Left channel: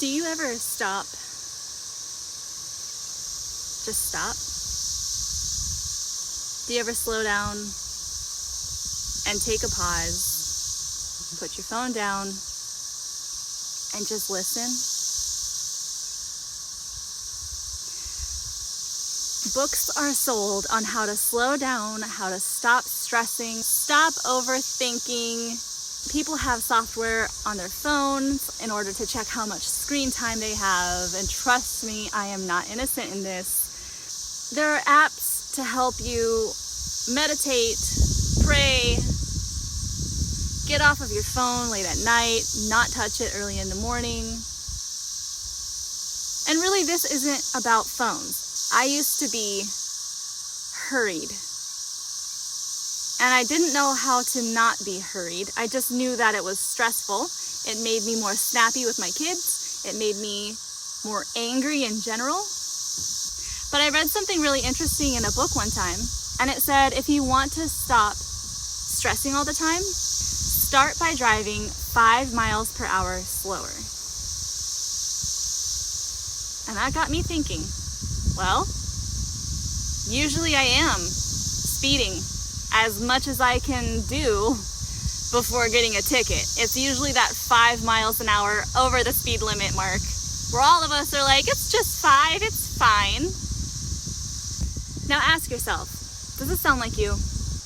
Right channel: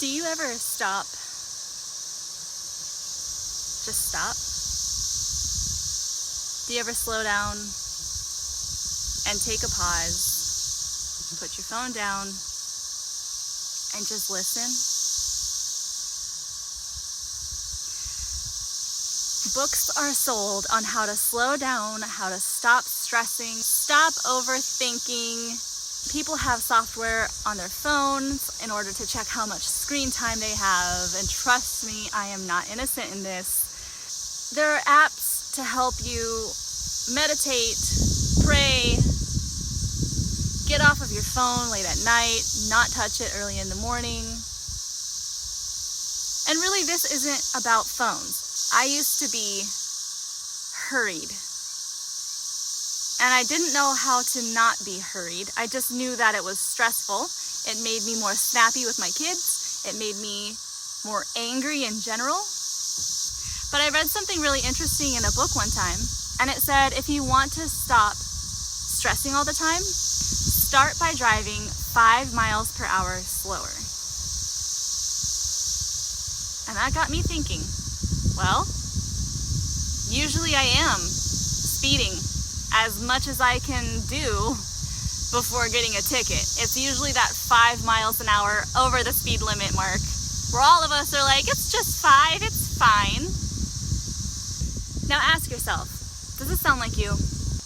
Do you ever stop? Just stop? Do you ever slow down and take a pause, put your phone down, and just listen? Books are sold on how to slow down, how to stop stressing, stop overthinking. People have software on their phones in order to check how much screen time they have, and trust me, I am not innocent in this. There are apps to help you meditate, pray, get off of your phone late at night, not touch it early in the morning. And really, this isn't about phones. I used to be hurried. And I didn't know how to not be hurried. I just knew that it was stressful. It made me more snappy with my kids. It made me more angry in general. But I read something really interesting in a book one time, and it said, if you want to stop stressing all the time, start by driving 5 miles per hour slower. And that got me thinking, well, usually I am speeding as much as I can do before getting a ticket. It's usually that 5 miles an hour over the speed limit mark, where all of us are like, it's just 5, it's fine. Now ask yourself, does this sound like you?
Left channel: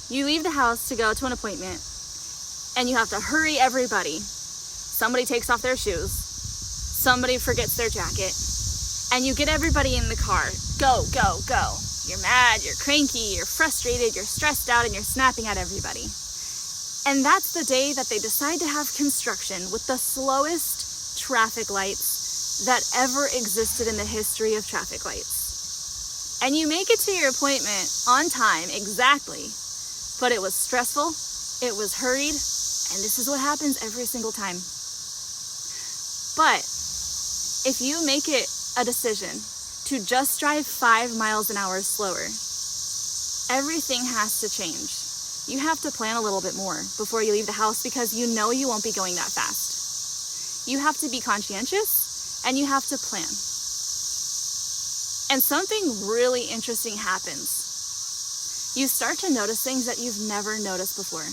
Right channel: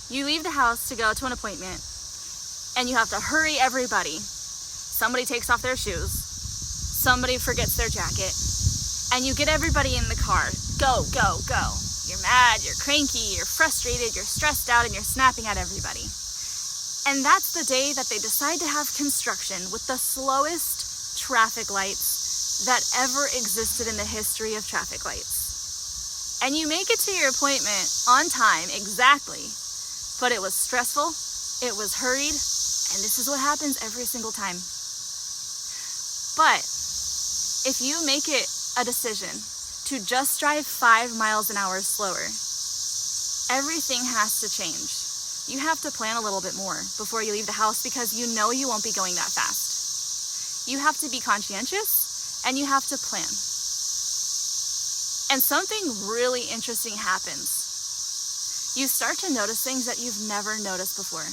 You leave the house to go to an appointment, and you have to hurry everybody. Somebody takes off their shoes, somebody forgets their jacket, and you get everybody in the car. Go, go, go. You're mad, you're cranky, you're frustrated, you're stressed out, and you're snapping at everybody. And that's the day that they decide to have construction with the slowest traffic lights that ever existed in the history of traffic lights. And you make it to your appointment on time, exactly, but it was stressful, it was hurried, and this is what happens every single time. But if you make it a decision to just drive 5 miles an hour slower, everything has to change. You have to plan a little bit more before you leave the house, because you know you won't be going that fast. You have to be conscientious, and you have to plan. And something really interesting happens. You start to notice things that you've never noticed before.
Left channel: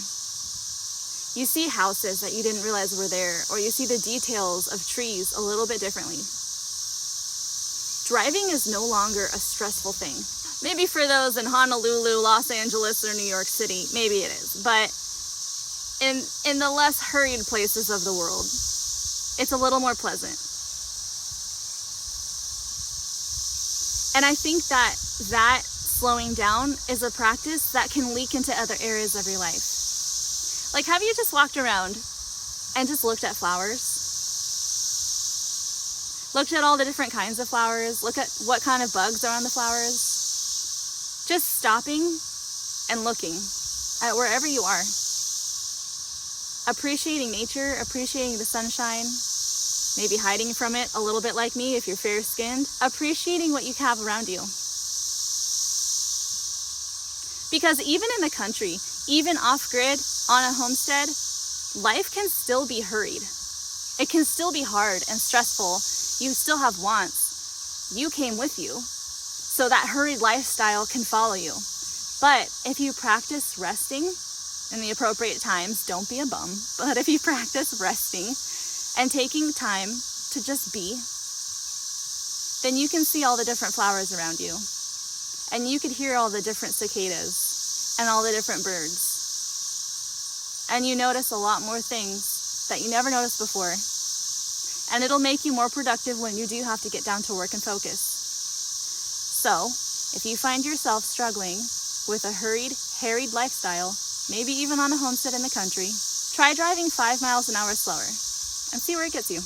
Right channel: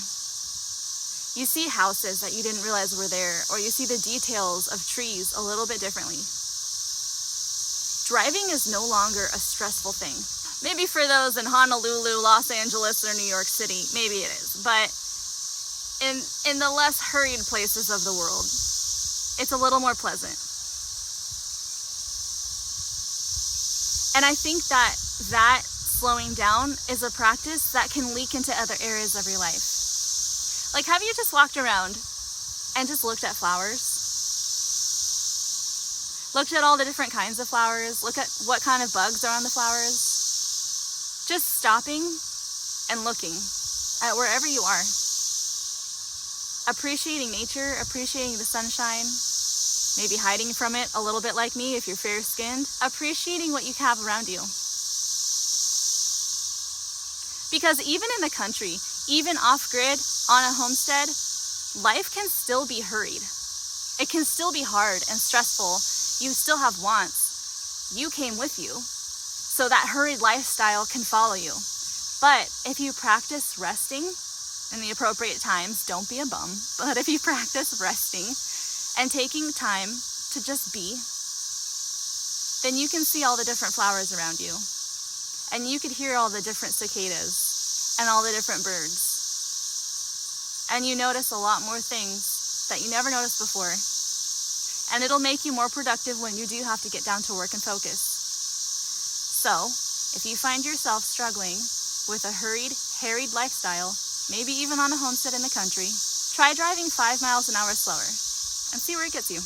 You see houses that you didn't realize were there, or you see the details of trees a little bit differently. Driving is no longer a stressful thing. Maybe for those in Honolulu, Los Angeles, or New York City, maybe it is. But in the less hurried places of the world, it's a little more pleasant. And I think that slowing down is a practice that can leak into other areas of your life. Like, have you just walked around and just looked at flowers? Looked at all the different kinds of flowers. Look at what kind of bugs are on the flowers. Just stopping and looking at wherever you are. Appreciating nature, appreciating the sunshine, maybe hiding from it a little bit like me if you're fair-skinned. Appreciating what you have around you. Because even in the country, even off-grid, on a homestead, life can still be hurried. It can still be hard and stressful. You still have wants. You came with you, so that hurried lifestyle can follow you. But if you practice resting in the appropriate times, don't be a bum, but if you practice resting and taking time to just be, then you can see all the different flowers around you, and you could hear all the different cicadas and all the different birds. And you notice a lot more things that you never noticed before. And it'll make you more productive when you do have to get down to work and focus. So, if you find yourself struggling with a hurried, harried lifestyle, maybe even on a homestead in the country, try driving 5 miles an hour slower and see where it gets you.